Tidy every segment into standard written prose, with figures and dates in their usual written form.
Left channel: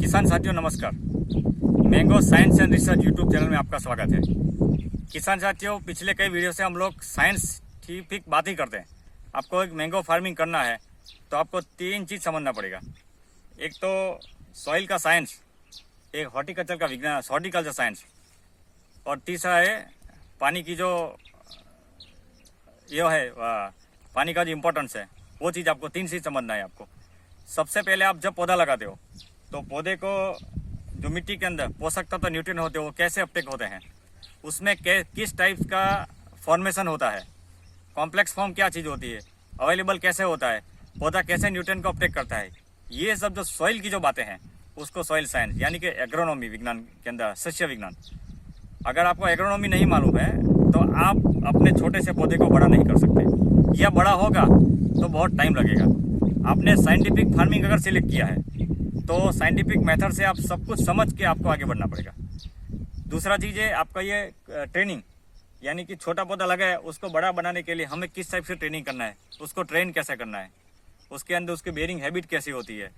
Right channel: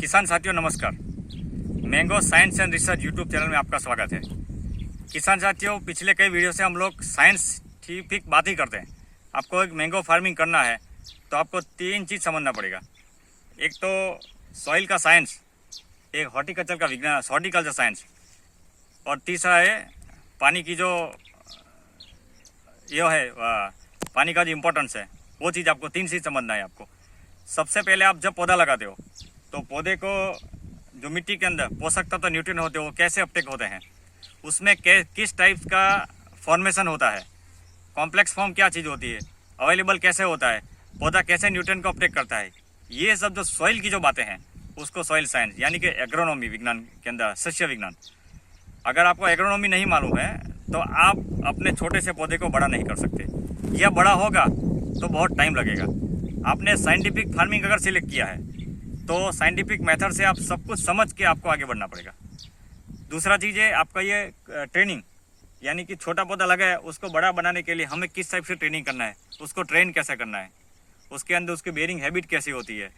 किसान साथियों नमस्कार। Mango science and research YouTube channel में आपका स्वागत है। किसान साथियों, पिछले कई वीडियो से हम लोग साइंटिफिक बात ही करते हैं। आपको एक मैंगो फार्मिंग करना है तो आपको तीन चीज़ समझना पड़ेगा। एक तो सॉइल का साइंस, एक हॉर्टिकल्चर का विज्ञान, हॉर्टिकल्चर साइंस, और तीसरा है पानी की जो पानी का जो इम्पोर्टेंस है, वो चीज़ आपको तीन चीज़ समझना है। आपको सबसे पहले आप जब पौधा लगाते हो तो पौधे को जो मिट्टी के अंदर पोषक तत्व न्यूट्रिएंट होते हैं वो कैसे अपटेक होते हैं, उसमें किस टाइप का फॉर्मेशन होता है, कॉम्प्लेक्स फॉर्म क्या चीज़ होती है, अवेलेबल कैसे होता है, पौधा कैसे न्यूट्रिएंट को अपटेक करता है, ये सब जो सॉइल की जो बातें हैं उसको सॉइल साइंस यानी कि एग्रोनॉमी विज्ञान के अंदर, सस्य विज्ञान। अगर आपको एग्रोनॉमी नहीं मालूम है तो आप अपने छोटे से पौधे को बड़ा नहीं कर सकते, या बड़ा होगा तो बहुत टाइम लगेगा। आपने साइंटिफिक फार्मिंग अगर सिलेक्ट किया है तो साइंटिफिक मेथड से आप सब कुछ समझ के आपको आगे बढ़ना पड़ेगा। दूसरा चीज़ है आपका ये ट्रेनिंग, यानी कि छोटा पौधा लगा है उसको बड़ा बनाने के लिए हमें किस टाइप से ट्रेनिंग करना है, उसको ट्रेन कैसे करना है, उसके अंदर उसकी बेयरिंग हैबिट कैसी होती है,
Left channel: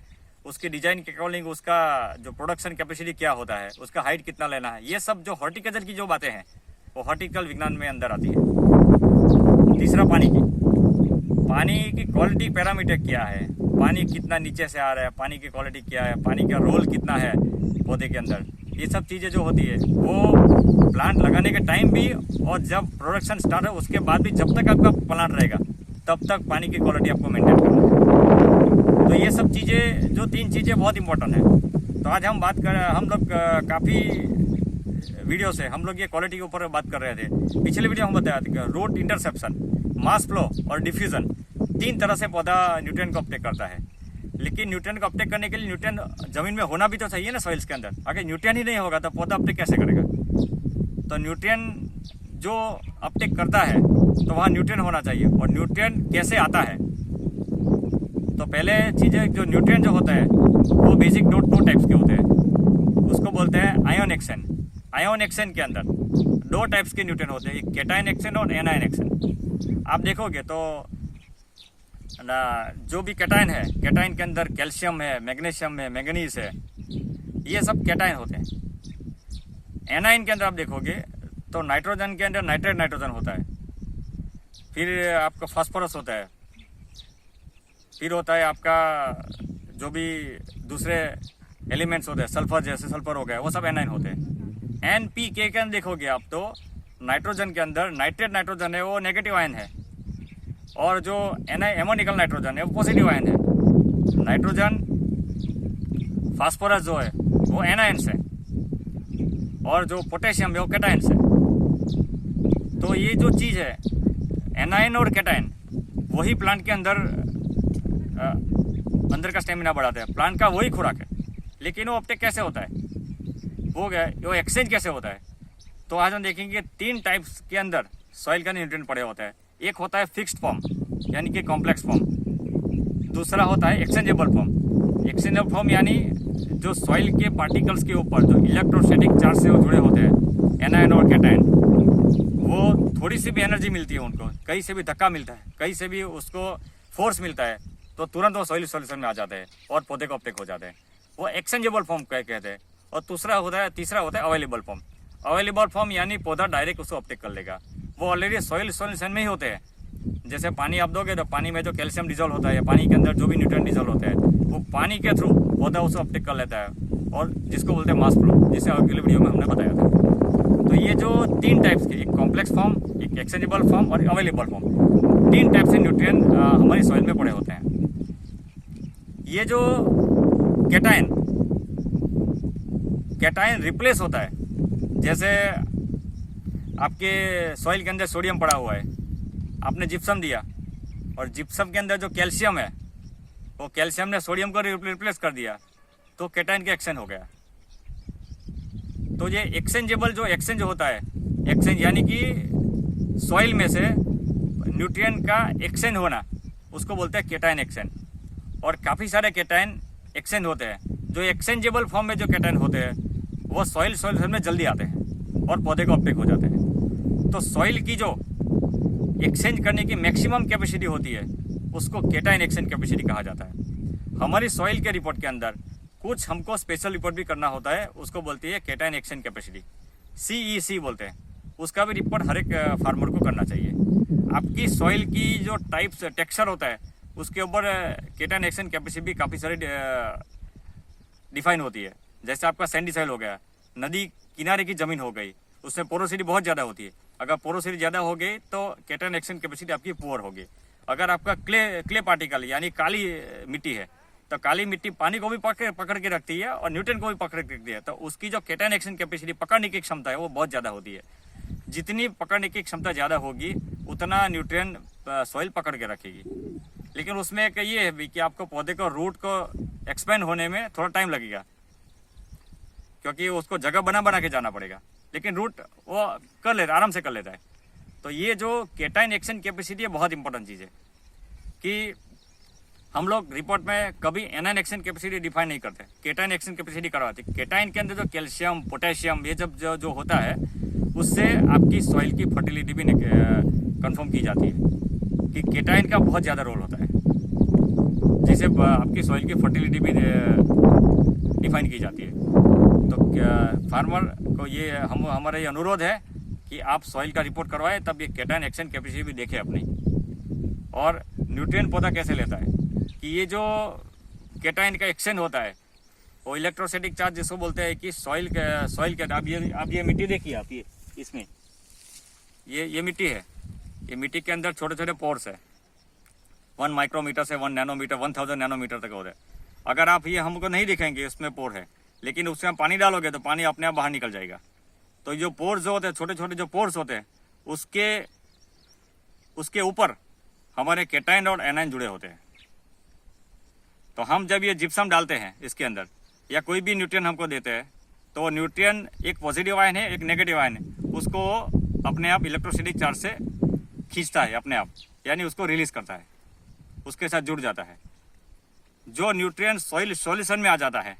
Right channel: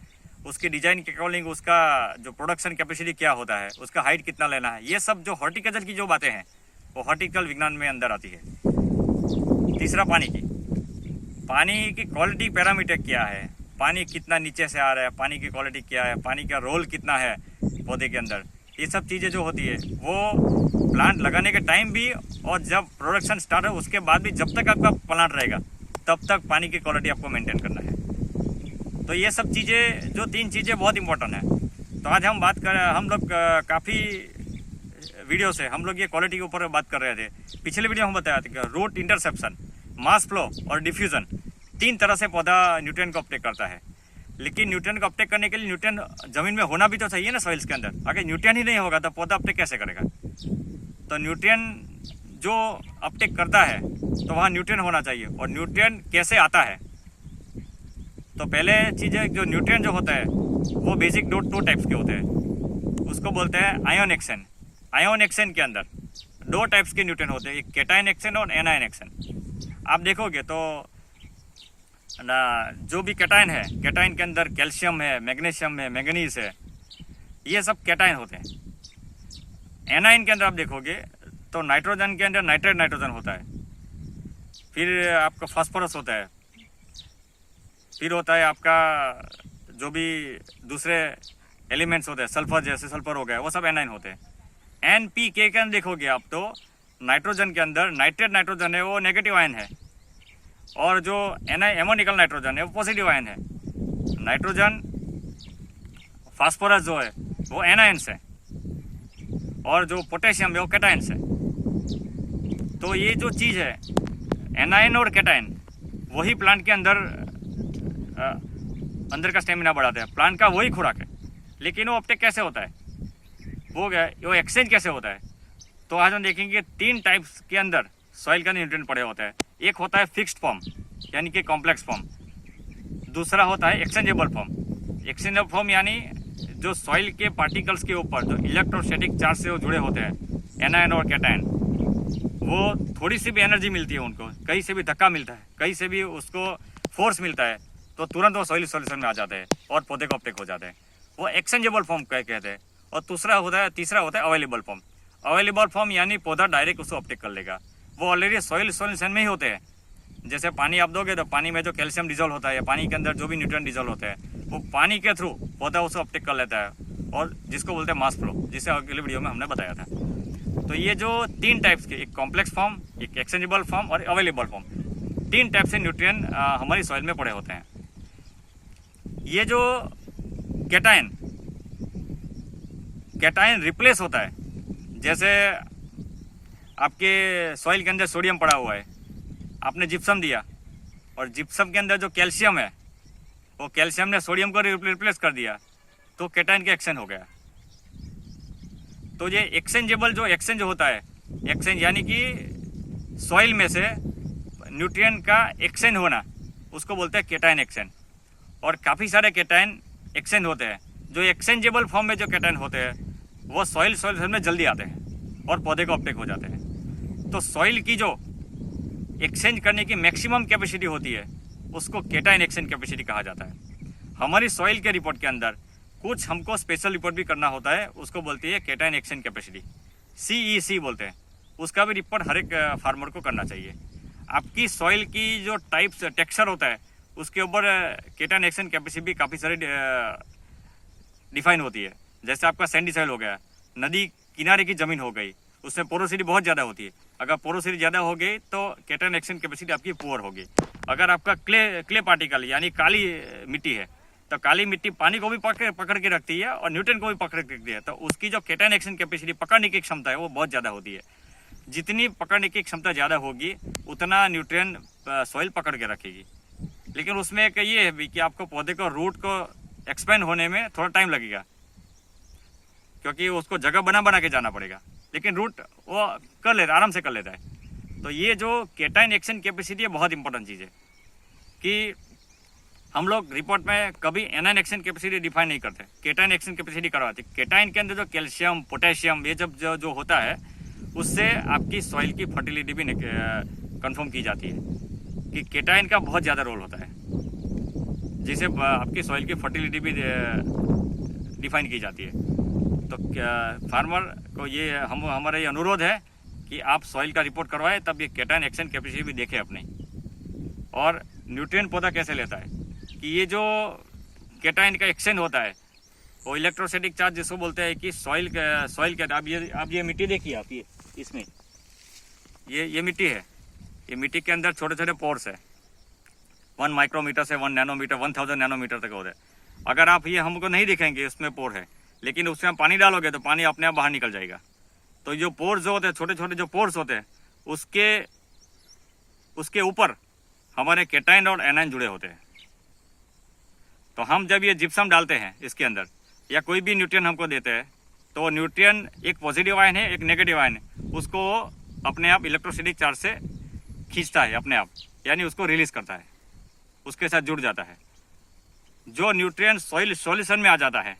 उसकी डिजाइन के अकॉर्डिंग उसका जो प्रोडक्शन कैपेसिटी क्या होता है, उसका हाइट कितना लेना है, ये सब जो हॉर्टिकल्चर की जो बातें हैं वो हॉर्टिकल विज्ञान में अंदर आती है। तीसरा पानी की क्वालिटी पैरामीटर क्या है, पानी कितना नीचे से आ रहा है, पानी की क्वालिटी क्या है, पानी का रोल कितना है पौधे के अंदर, ये सब चीज़ें जो होती है वो प्लांट लगाने के टाइम भी और जब प्रोडक्शन स्टार्ट हो उसके बाद भी, जब तक आपका प्लांट रहेगा तब तक पानी की क्वालिटी आपको मेंटेन करना है। तो ये सब चीज़ें, जो तीन चीज़ें बहुत इंपॉर्टेंट है। तो आज हम लोग काफ़ी वीडियो से हम लोग ये क्वालिटी के ऊपर बात कर रहे थे। पिछले वीडियो हम बताया था कि रूट इंटरसेप्शन, मास फ्लो और डिफ्यूजन, तीन तरह से पौधा न्यूट्रिएंट को अपटेक करता है। लेकिन न्यूट्रिएंट को अपटेक करने के लिए न्यूट्रिएंट जमीन में होना भी तो चाहिए ना, सॉइल्स के अंदर। अगर न्यूट्रिएंट ही नहीं होगा तो पौधा अपटेक कैसे करेगा? तो न्यूट्रिएंट जो अपटेक करता है तो वहाँ न्यूट्रिएंट होना चाहिए। और न्यूट्रिएंट कैसे आता है, तो पहले चीज़ है जो न्यूट्रिएंट जो होता है वो बेसिक दो टाइप्स के होते हैं। उसको बोलते हैं आयोन एक्शन। आयोन एक्शन के अंदर दो टाइप्स के न्यूट्रिएंट होते हैं, एक कैटायन एक्शन और एनायन एक्शन। आप देखोगे तो जो भी कैटायन है, कैटायन के अंदर कैल्शियम है, मैग्नीशियम है, मैंगनीज है, ये सब कैटायन होते हैं। एनायन के अंदर आप देखोगे तो नाइट्रोजन के अंदर नाइट्रेट नाइट्रोजन होता है, फिर आपका फास्फोरस होता है, फिर होता है आपका जो भी दूसरे एलिमेंट्स होते हैं, सल्फर जैसे सल्फर हो गया, वो सब एनायन होते हैं। NPK के अंदर देखोगे आप तो नाइट्रोजन के अंदर नाइट्रेट नाइट्रोजन है वो नेगेटिव आयन है, और जो एमोनिकल नाइट्रोजन है वो पॉजिटिव आयन है। नाइट्रोजन फास्फोरस जो है वो एनायंस है, और जो पोटेशियम है वो कैटायंस है। तो ये जो चीज़ है एनायन और कैटायन, वही प्लांट के अंदर का स्टेमिना बढ़ाते हैं, प्लांट का वही खुराक है। लेकिन वो अपटेक कैसे होता है, वो एक्सचेंज कैसे होता है? तो आज हम देखेंगे तीन टाइप्स के अंदर सॉइल का न्यूट्रिएंट पड़े होता है। एक होता है फिक्स्ड फॉर्म यानी कि कॉम्प्लेक्स फॉर्म, दूसरा होता है एक्सचेंजेबल फॉर्म। एक्सचेंजेबल फॉर्म यानी जो सॉइल के पार्टिकल्स के ऊपर जो इलेक्ट्रोस्टैटिक चार्ज से वो जुड़े होते हैं, एनायन और कैटायन, वो थोड़ी सी भी एनर्जी मिलती है उनको, कहीं से भी धक्का मिलता है, कहीं से भी उसको फोर्स मिलता है तो तुरंत वो सॉइल सॉल्यूशन में आ जाते हैं और पौधे को अपटेक हो जाते हैं। वो एक्सचेंजेबल फॉर्म कहते हैं। और तीसरा होता है अवेलेबल फॉर्म। अवेलेबल फॉर्म यानी पौधा डायरेक्ट उसको अपटेक कर लेगा, वो ऑलरेडी सॉइल सॉल्यूशन में ही होते हैं। जैसे पानी आप दोगे तो पानी में जो कैल्शियम डिजोल्व होता है या पानी के अंदर जो भी न्यूट्रिएंट डिजोल्व होता है वो पानी के थ्रू पौधा उसको अपटेक कर लेता है, और जिसको बोलते हैं मास फ्लो, जिसे अगले वीडियो में हमने बताया था। तो ये जो तीन टाइप्स के, एक कॉम्प्लेक्स फॉर्म, एक एक्सचेंजेबल फॉर्म और अवेलेबल फॉर्म, तीन टाइप से न्यूट्रिएंट हमारी सॉइल में पड़े होते हैं। ये जो कैटायन रिप्लेस होता है, जैसे आपके सॉइल के अंदर सोडियम पड़ा हुआ है, आपने जिप्सम दिया और जिप्सम के अंदर जो कैल्शियम है वो कैल्शियम ने सोडियम को रिप्लेस कर दिया, तो कैटायन का एक्सचेंज हो गया। तो ये एक्सचेंजेबल जो एक्सचेंज होता है, एक्सचेंज यानी कि सॉइल में से न्यूट्रिएंट का एक्सचेंज होना, उसको बोलते हैं कैटायन एक्सचेंज। और काफ़ी सारे कैटायन एक्सचेंज होते हैं। जो एक्सचेंजेबल फॉर्म में जो कैटायन होते हैं वो सॉइल सॉल्यूशन में जल्दी आते हैं और पौधे को अपटेक हो जाते हैं। तो सॉइल की जो एक्सचेंज करने की मैक्सिमम कैपेसिटी होती है उसको कैटायन एक्सचेंज कैपेसिटी कहा जाता है। हमारी सॉइल के रिपोर्ट के अंदर कुछ हमको स्पेशल रिपोर्ट भी करना होता है, उसको बोलती है केटाइन एक्शन कैपेसिटी, CEC बोलते हैं। उसका भी रिपोर्ट हर एक फार्मर को करना चाहिए। आपकी सॉइल की जो टाइप्स टेक्सचर होता है उसके ऊपर केटाइन एक्शन कैपेसिटी भी काफ़ी सारी डिफाइन होती है। जैसे आपका सैंडी सॉइल हो गया, नदी किनारे की ज़मीन हो गई, उसमें पोरोसिटी बहुत ज़्यादा होती है। अगर पोरोसिटी ज़्यादा हो गई तो केटाइन एक्शन कैपेसिटी आपकी पुअर होगी। अगर आपका क्ले पार्टिकल यानी काली मिट्टी है तो काली मिट्टी पानी को भी पकड़ के रखती है और न्यूट्रिएंट को भी पकड़ के रखती है, तो उसकी जो केटाइन एक्शन कैपेसिटी पकड़ने की क्षमता है वो बहुत ज़्यादा होती है। जितनी पकड़ने की क्षमता ज़्यादा होगी उतना न्यूट्रिएंट सॉइल पकड़ के रखेगी। लेकिन उसमें एक ये है भी कि आपको पौधे को रूट को एक्सपेंड होने में थोड़ा टाइम लगेगा, क्योंकि उसको जगह बना के जाना पड़ेगा, लेकिन रूट वो कर लेता है, आराम से कर लेता है। तो ये जो केटाइन एक्शन कैपेसिटी है बहुत इंपॉर्टेंट चीज़ है कि हम लोग रिपोर्ट में कभी एनाइन एक्शन कैपेसिटी डिफाइन नहीं करते, केटाइन एक्शन कैपेसिटी करवाते। केटाइन के अंदर जो कैल्शियम, पोटेशियम ये जब जो होता है उससे आपकी सॉइल की फर्टिलिटी भी कंफर्म की जाती है कि केटाइन का बहुत ज़्यादा रोल होता है, जिससे आपकी सॉइल की फर्टिलिटी भी डिफाइन की जाती है। तो फार्मर को ये हमारा ये अनुरोध है कि आप सॉइल का रिपोर्ट करवाएं, तब ये केटाइन एक्शन कैपेसिटी भी देखें अपनी। और न्यूट्रिएंट पौधा कैसे लेता है कि ये जो केटाइन का एक्शन होता है वो इलेक्ट्रोस्टैटिक चार्ज जिसको बोलते हैं कि सॉइल के आप ये मिट्टी देखिए, आप ये इसमें ये मिट्टी है, ये मिट्टी के अंदर छोटे छोटे पोर्स है, 1 माइक्रोमीटर से 1 नैनोमीटर 1000 नैनोमीटर तक होते हैं। अगर आप ये हमको नहीं दिखेंगे इसमें पोर है, लेकिन उसमें आप पानी डालोगे तो पानी अपने आप बाहर निकल जाएगा। तो जो पोर्स जो होते हैं, छोटे छोटे जो पोर्स होते हैं, उसके ऊपर हमारे केटाइन और एनाइन जुड़े होते हैं। तो हम जब ये जिप्सम डालते हैं इसके अंदर या कोई भी न्यूट्रिएंट हमको देते हैं, तो न्यूट्रिएंट एक पॉजिटिव आयन है, एक नेगेटिव आयन है, उसको अपने आप इलेक्ट्रोस्टैटिक चार्ज से खींचता है अपने आप, यानी उसको रिलीज करता है, उसके साथ जुड़ जाता है। जो न्यूट्रिएंट सॉइल सॉल्यूशन में आ जाता है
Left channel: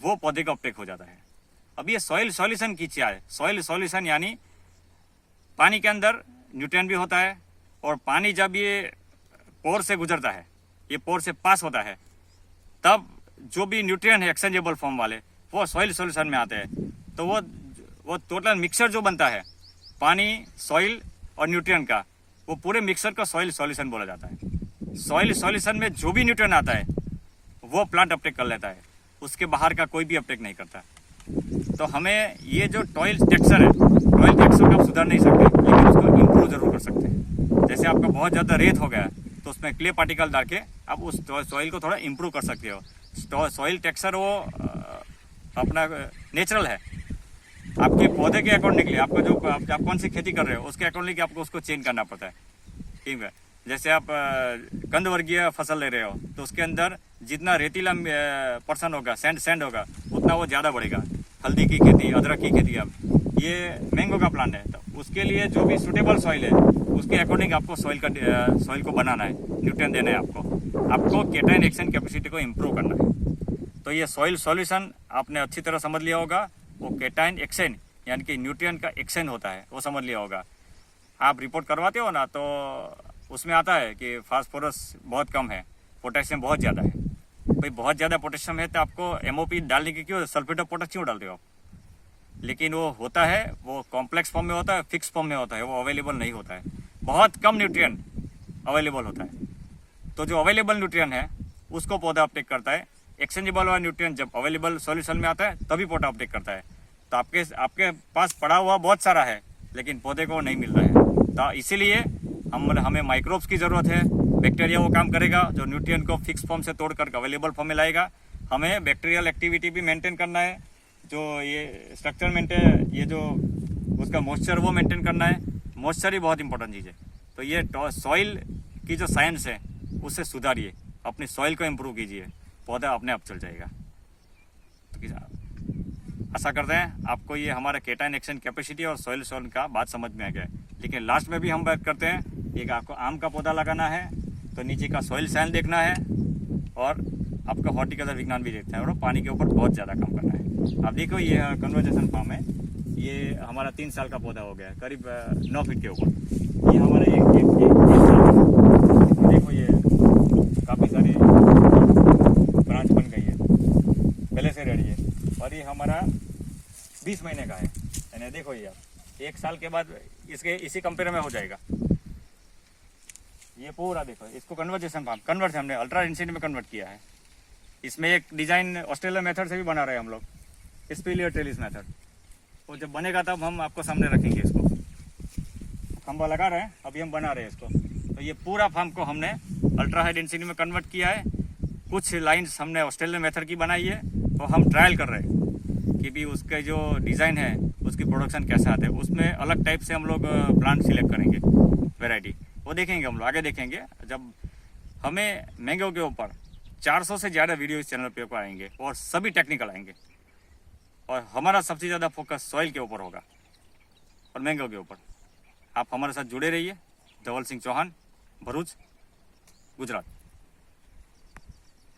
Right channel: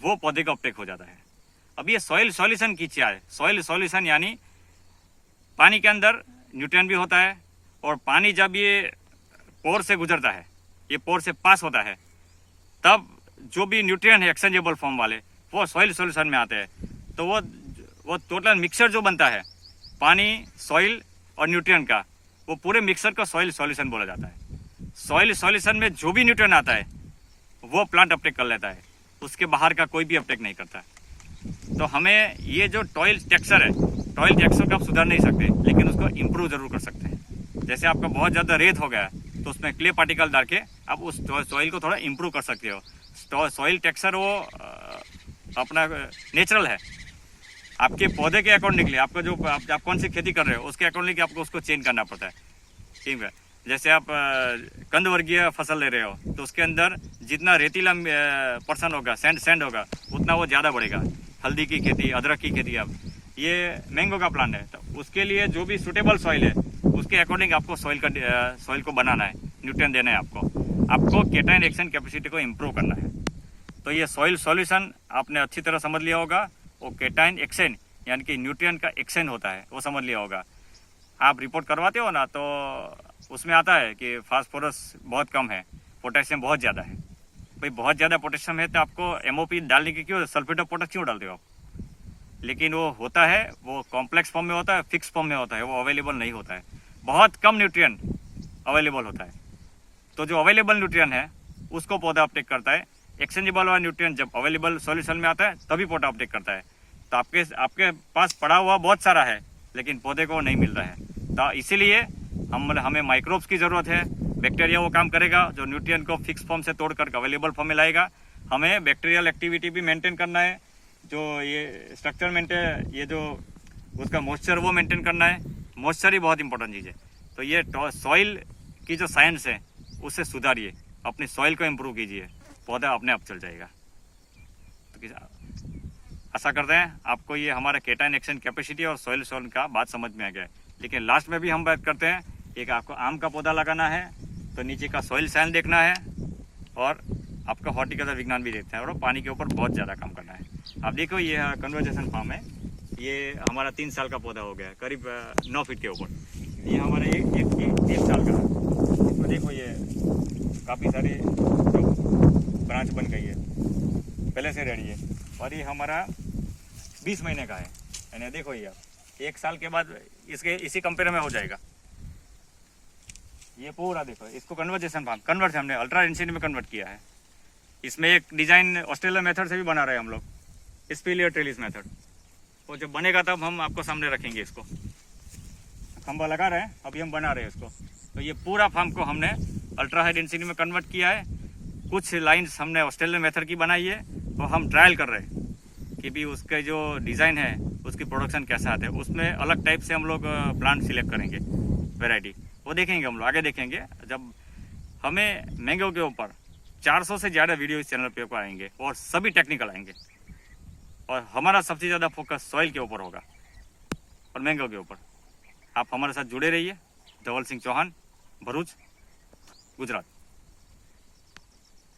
वो पौधे का अपटेक हो जाता है। अब ये सॉइल सॉल्यूशन की क्या है? सॉइल सॉल्यूशन यानी पानी के अंदर न्यूट्रिएंट भी होता है, और पानी जब ये पोर से गुजरता है, ये पोर से पास होता है, तब जो भी न्यूट्रिएंट है एक्सचेंजेबल फॉर्म वाले वो सॉइल सॉल्यूशन में आते हैं। तो वो टोटल मिक्सचर जो बनता है पानी, सॉइल और न्यूट्रिएंट का, वो पूरे मिक्सचर का सॉइल सॉल्यूशन बोला जाता है। सॉइल सॉल्यूशन में जो भी न्यूट्रिएंट आता है वो प्लांट अपटेक कर लेता है, उसके बाहर का कोई भी अपटेक नहीं करता। तो हमें ये जो टॉयल टेक्सचर है, टॉयल टेक्सचर को आप सुधार नहीं सकते, लेकिन उसको इम्प्रूव जरूर कर सकते हैं। जैसे आपका बहुत ज़्यादा रेत हो गया तो उसमें क्ले पार्टिकल डाल के आप उस सॉइल को थोड़ा इम्प्रूव कर सकते हो। सॉइल टेक्सचर वो अपना नेचुरल है, आपके पौधे के अकॉर्डिंगली, आपका जो आप कौन सी खेती कर रहे हो उसके अकॉर्डिंगली आपको उसको चेंज करना पड़ता है। ठीक है, जैसे आप कंद वर्गीय फसल ले रहे हो तो उसके अंदर जितना रेतीला पर्सन होगा, सैंड होगा, उतना वो ज़्यादा बढ़ेगा। हल्दी की खेती, अदरक की खेती, अब ये मैंगो का प्लांट है, तो उसके लिए जो भी सूटेबल सॉइल है उसके अकॉर्डिंग आपको सॉइल को बनाना है, न्यूट्रिएंट देना है आपको केटाइन एक्शन कैपेसिटी को इम्प्रूव करना है। तो ये सॉइल सॉल्यूशन आपने अच्छी तरह समझ लिया होगा। वो केटाइन एक्शन यानी कि न्यूट्रिएंट का एक्शन होता है, वो समझ लिया होगा। आप रिपोर्ट करवाते हो ना, तो उसमें आता है कि फास्फोरस बहुत कम है, पोटेशियम बहुत ज़्यादा है। भाई बहुत ज़्यादा पोटेशियम है तो आपको MOP डालने की क्यों, सल्फेट ऑफ पोटेश क्यों डालते हो आप? लेकिन वो होता है, वो कॉम्प्लेक्स फॉर्म में होता है, फिक्स फॉर्म में होता है, वो अवेलेबल नहीं होता है। बहुत कम न्यूट्रिएंट अवेलेबल होता है। तो जो अवेलेबल न्यूट्रिएंट है उसको पौधा अपटेक करता है। एक्सचेंजेबल वाला न्यूट्रिएंट जब अवेलेबल सॉल्यूशन में आता है तभी पौधा अपटेक करता है। तो आपके पास पड़ा हुआ बहुत सारा है, लेकिन पौधे को नहीं मिल रहा है। तो इसीलिए हमें माइक्रोब्स की ज़रूरत है। बैक्टीरिया वो काम करेगा जो न्यूट्रिएंट को फिक्स फॉर्म से तोड़कर अवेलेबल फॉर्म में लाएगा। हमें बैक्टीरियल एक्टिविटी भी मेंटेन करना है, जो ये स्ट्रक्चर मेंटेन, ये जो उसका मॉइस्चर वो मेंटेन करना है। मॉइस्चर ही बहुत इंपॉर्टेंट चीज़ है। तो ये सॉइल की जो साइंस है उससे सुधारिए, अपनी सॉइल को इम्प्रूव कीजिए, पौधा अपने आप चल जाएगा। तो आशा करते हैं आपको ये हमारा केटाइन एक्शन कैपेसिटी और सॉइल का बात समझ में आ गया है। लेकिन लास्ट में भी हम बात करते हैं, एक आपको आम का पौधा लगाना है तो नीचे का सॉइल साइंस देखना है, और आपका हॉर्टिकल्चर विज्ञान भी देखते हैं, और पानी के ऊपर बहुत ज़्यादा काम करना है। आप देखो ये कन्वर्जेशन फार्म है, ये हमारा 3 साल का पौधा हो गया, करीब 9 फीट के ऊपर। ये हमारा ये 1 साल का, देखो ये काफ़ी सारी ब्रांच बन गई है। पहले से रेडी है और ये हमारा 20 महीने का है। यानी देखो ये आप 1 साल के बाद इसके इसी कंपेयर में हो जाएगा। ये पूरा देखो, इसको कन्वर्जेशन फार्म कन्वर्ट हमने अल्ट्रा डेंसिटी में कन्वर्ट किया है। इसमें एक डिज़ाइन ऑस्ट्रेलिया मेथड से भी बना रहे हैं हम लोग, स्पिलियर ट्रेलिस मेथड। तो जब बनेगा तब हम आपको सामने रखेंगे। इसको खंबा लगा रहे हैं, अभी हम बना रहे हैं इसको। तो ये पूरा फार्म को हमने अल्ट्रा हाई डेंसिटी में कन्वर्ट किया है। कुछ लाइन्स हमने ऑस्ट्रेलियन मेथड की बनाई है, तो हम ट्रायल कर रहे हैं कि भी उसके जो डिज़ाइन है उसकी प्रोडक्शन कैसा आता है। उसमें अलग टाइप से हम लोग प्लांट सिलेक्ट करेंगे, वेराइटी वो देखेंगे हम लोग आगे देखेंगे। जब हमें मैंगो के ऊपर 400 से ज़्यादा वीडियो इस चैनल पे आएंगे और सभी टेक्निकल आएंगे, और हमारा सबसे ज़्यादा फोकस सॉइल के ऊपर होगा और मैंगो के ऊपर। आप हमारे साथ जुड़े रहिए। धवल सिंह चौहान, भरूच, गुजरात।